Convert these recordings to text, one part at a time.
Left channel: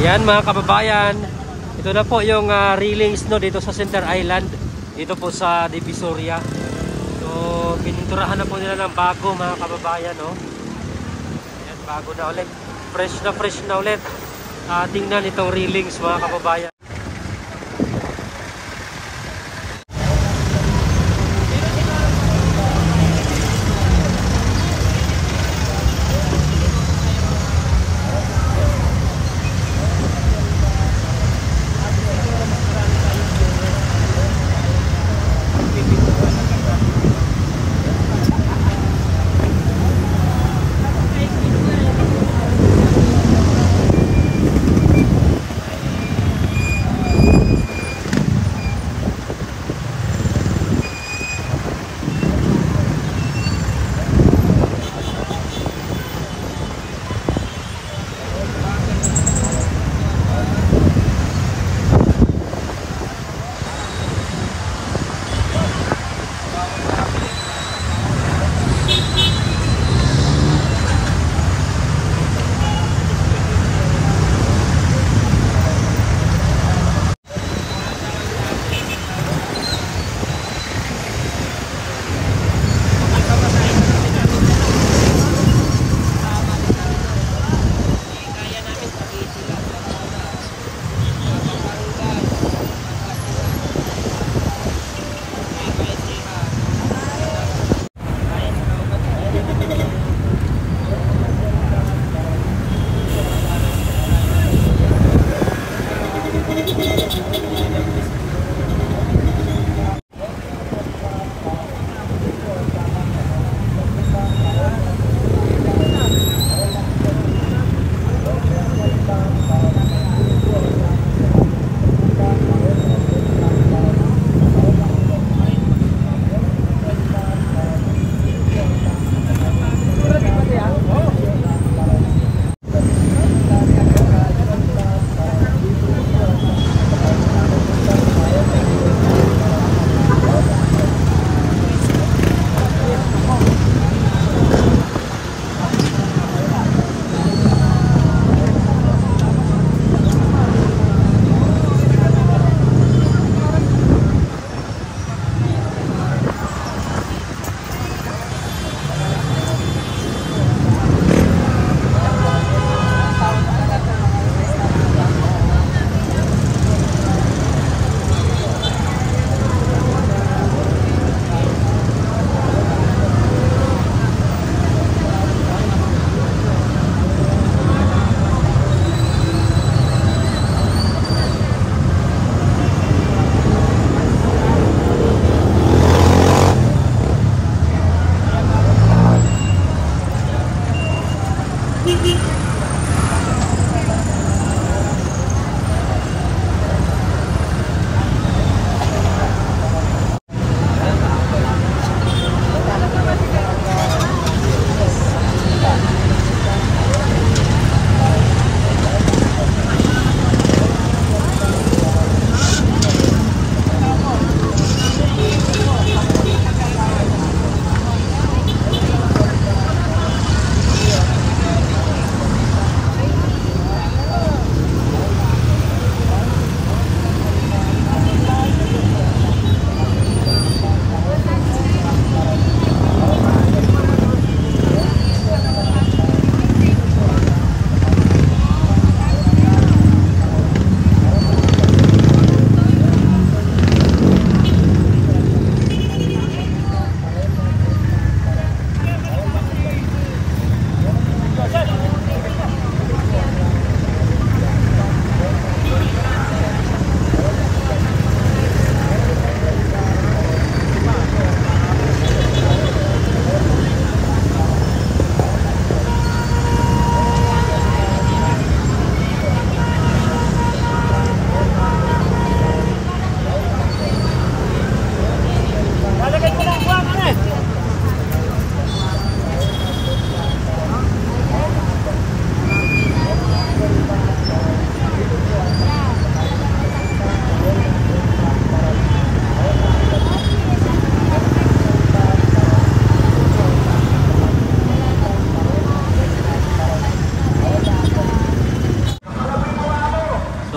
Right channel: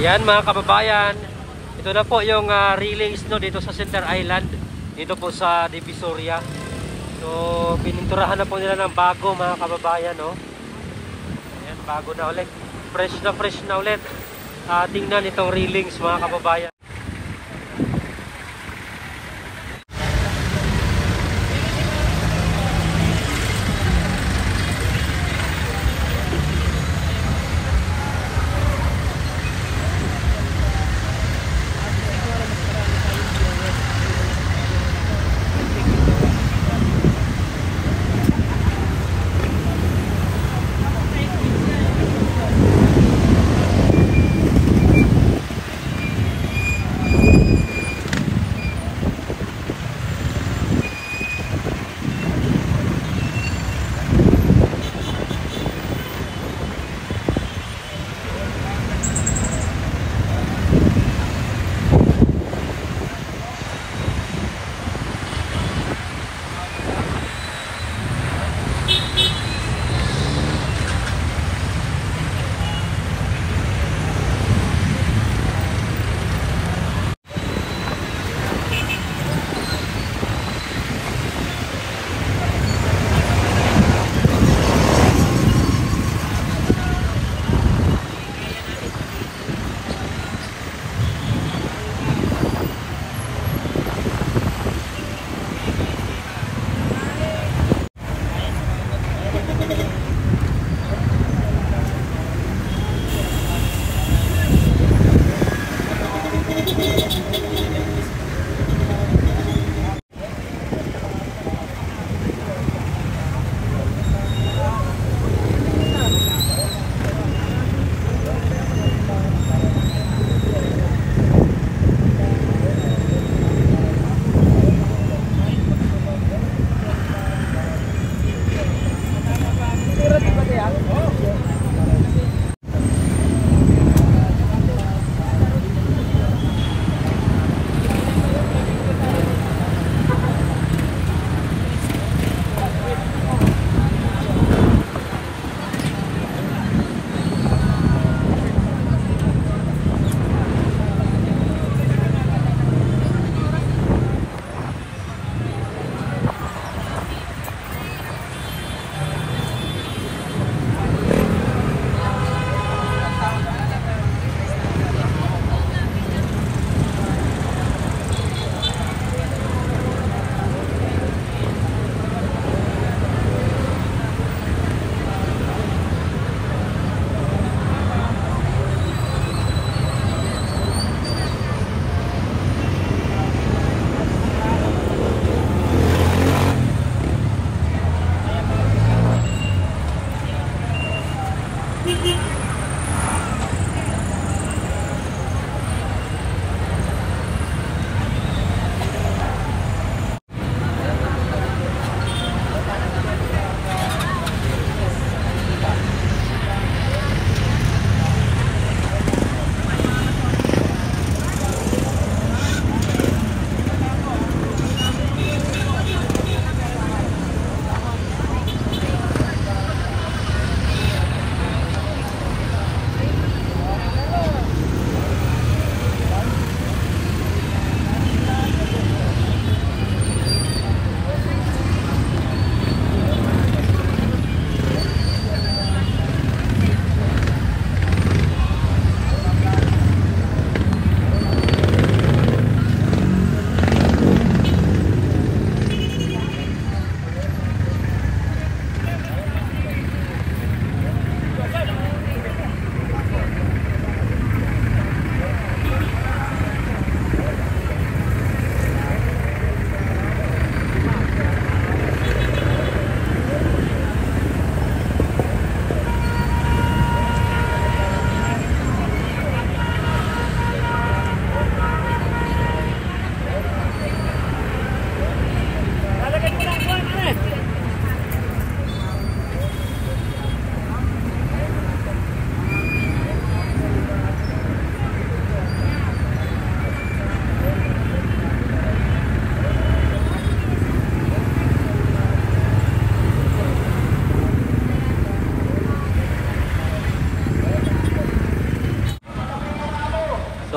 Ayan mga kababayan, ito na po yung railings no, dito sa Center Island, dito po sa Divisoria. So pininturahan na po nila ng bago mga kababayan no. Ayan, bago na ulit, fresh na ulit. Tingnan itong railings mga kababayan.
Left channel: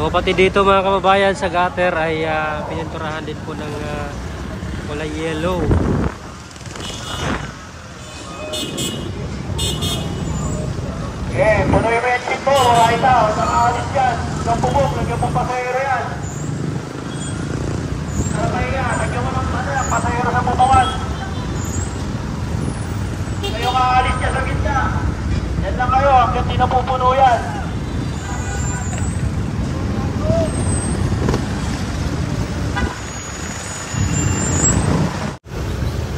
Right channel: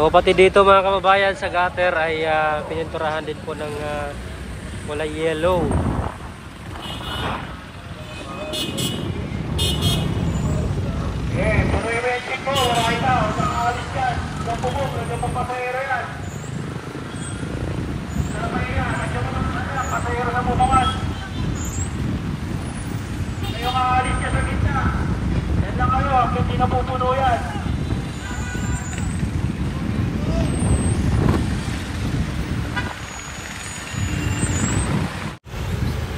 So pati dito mga kababayan sa gutter ay pininturahan din po ng kulay yellow. Tuloy mo yung tiko, wala ito, nakaalis yan, sa bubog, lagyan mong papayero yan. Okay yan, lagyan mo ng papayero sa bubangan. Ngayong aalis yan sa gitna. Yan lang kayo, hanggang di napupuno yan.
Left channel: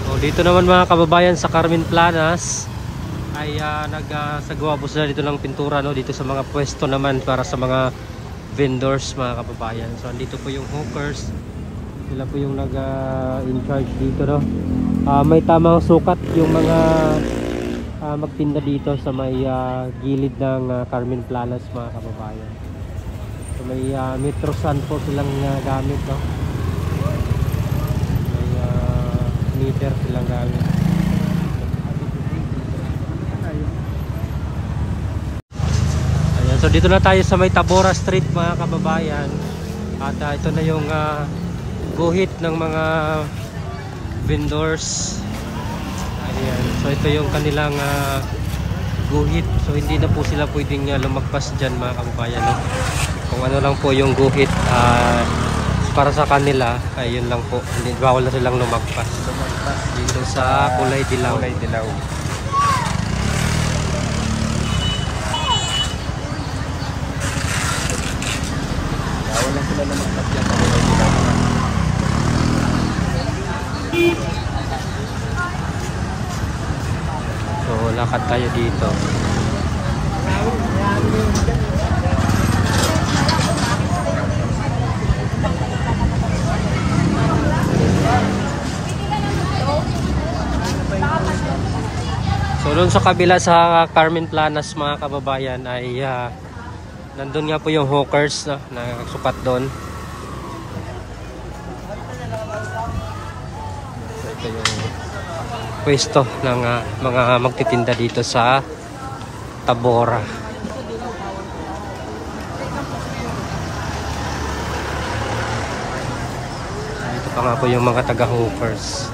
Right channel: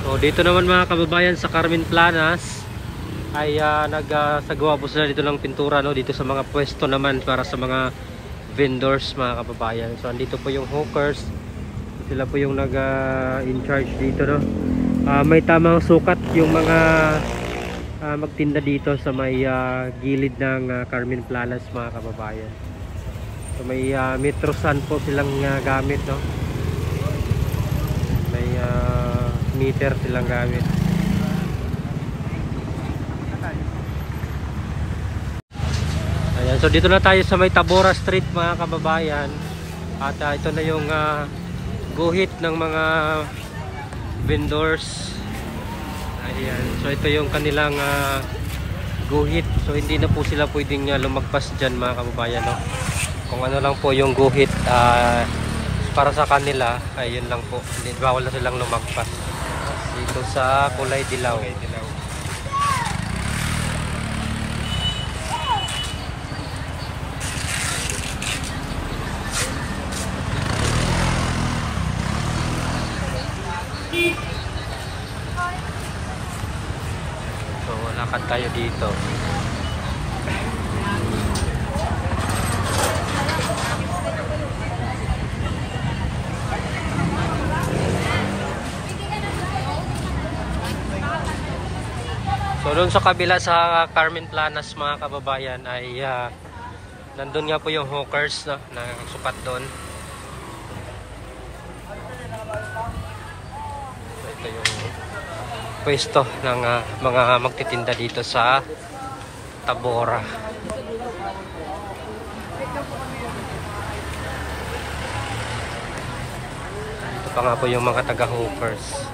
So dito naman mga kababayan sa Carmen Planas ay nagsagawa po sila dito ng pintura, no? Dito sa mga pwesto naman para sa mga vendors mga kababayan. So andito po yung hawkers, sila po yung in charge dito, no? May tamang sukat yung mga magtinda dito sa may gilid ng Carmen Planas mga kababayan. So may Metrosan po silang gamit, no? May meter silang gamit. Ayan, so dito na tayo sa may Tabora Street mga kababayan. At ito na yung guhit ng mga vendors. Ayan, so ito yung kanilang guhit. So hindi na po sila pwedeng lumagpas dyan mga kababayan, no? Kung ano lang po yung guhit para sa kanila, ayun lang po. Hindi, bawal na silang lumagpas dito sa kulay dilaw. So lakad tayo dito. So doon sa kabila sa Carmen Planas mga kababayan ay nandun nga po yung hawkers na sukat doon. So ito yung pwesto ng mga magtitinda dito sa Tabora. Dito pa nga po yung mga taga-hawkers.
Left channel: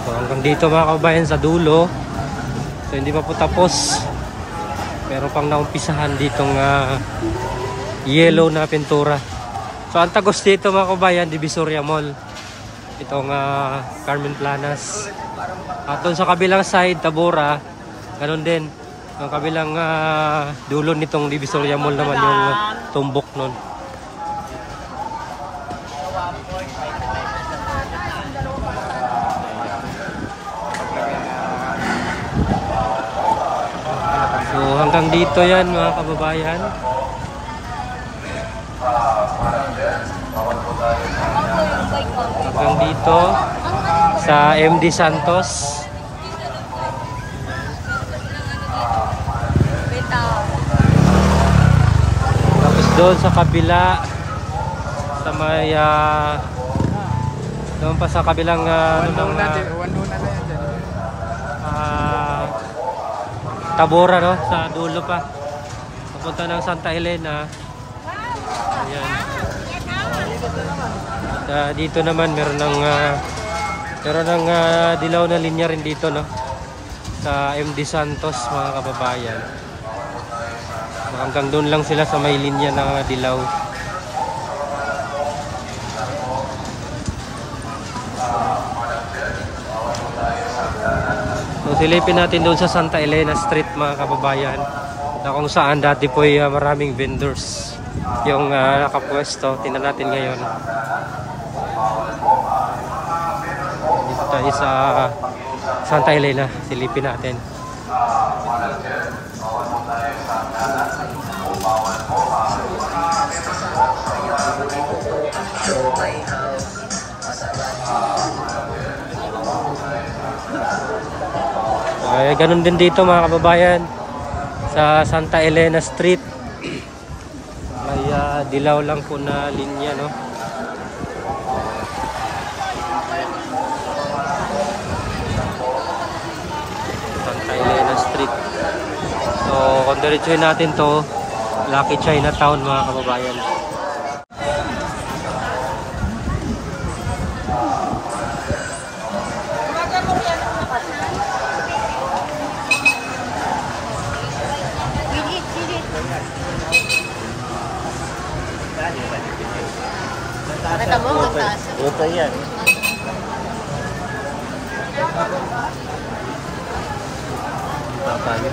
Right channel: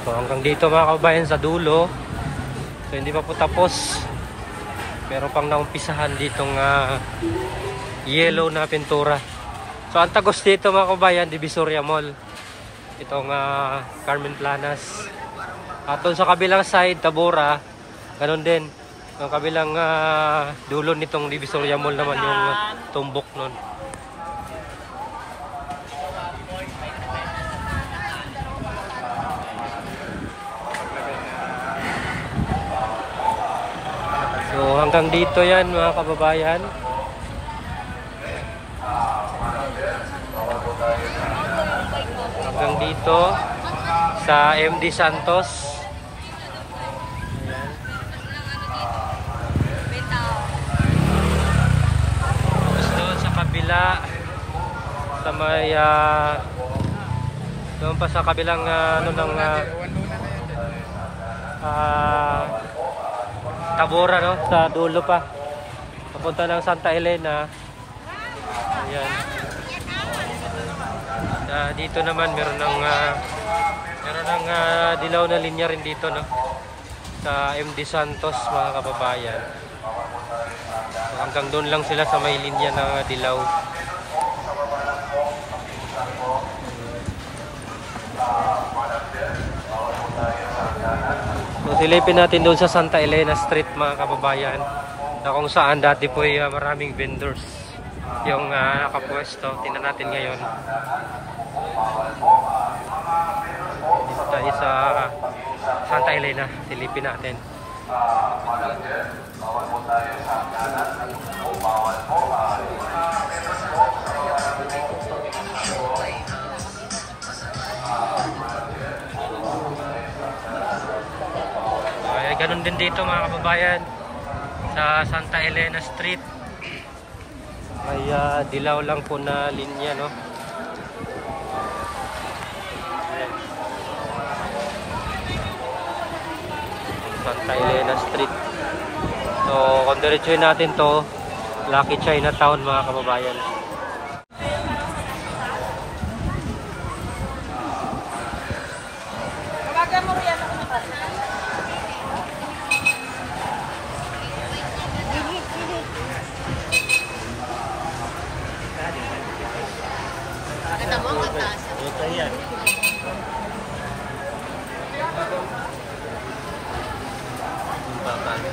So hanggang dito mga kababayan sa dulo. So hindi pa po tapos. Pero pang naumpisahan ditong yellow na pintura. So ang tagos dito mga kababayan, Divisoria Mall. Itong Carmen Planas. At doon sa kabilang side, Tabora, ganun din. Yung kabilang dulo nitong Divisoria Mall naman yung tumbok nun. So hanggang dito yan mga kababayan. Hanggang dito sa MD Santos. Ayan. Tapos doon sa kabila sa may doon pa sa kabilang Tabora, no? Sa dulo pa. Papunta ng Santa Elena. Ayan. At dito naman meron ng dilaw na linya rin dito, no? Sa MD Santos mga kababayan. So, hanggang doon lang sila sa may linya ng dilaw. So silipin natin doon sa Santa Elena Street mga kababayan, na kung saan dati po ay maraming vendors yung nakapwesto. Tingnan natin ngayon. Dito tayo sa Santa Elena, silipin natin. Ay, ganun din dito mga kababayan sa Santa Elena Street. May dilaw lang po na linya, no? Ayan. Santa Elena Street. So, kung diretsuhin natin to, Lucky Chinatown mga kababayan. Ito yan. Punta tayo.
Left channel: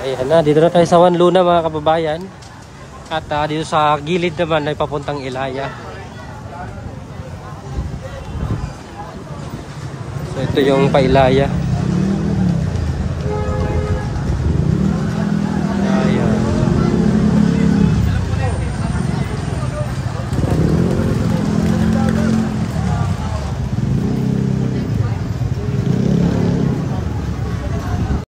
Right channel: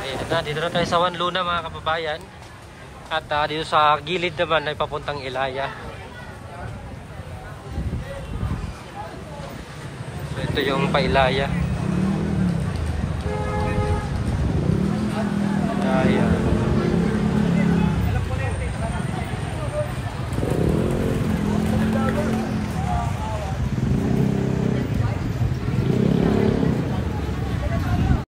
Ayan na, dito na tayo sa Juan Luna mga kababayan. At dito sa gilid naman ay papuntang Ilaya. So ito yung pa-Ilaya.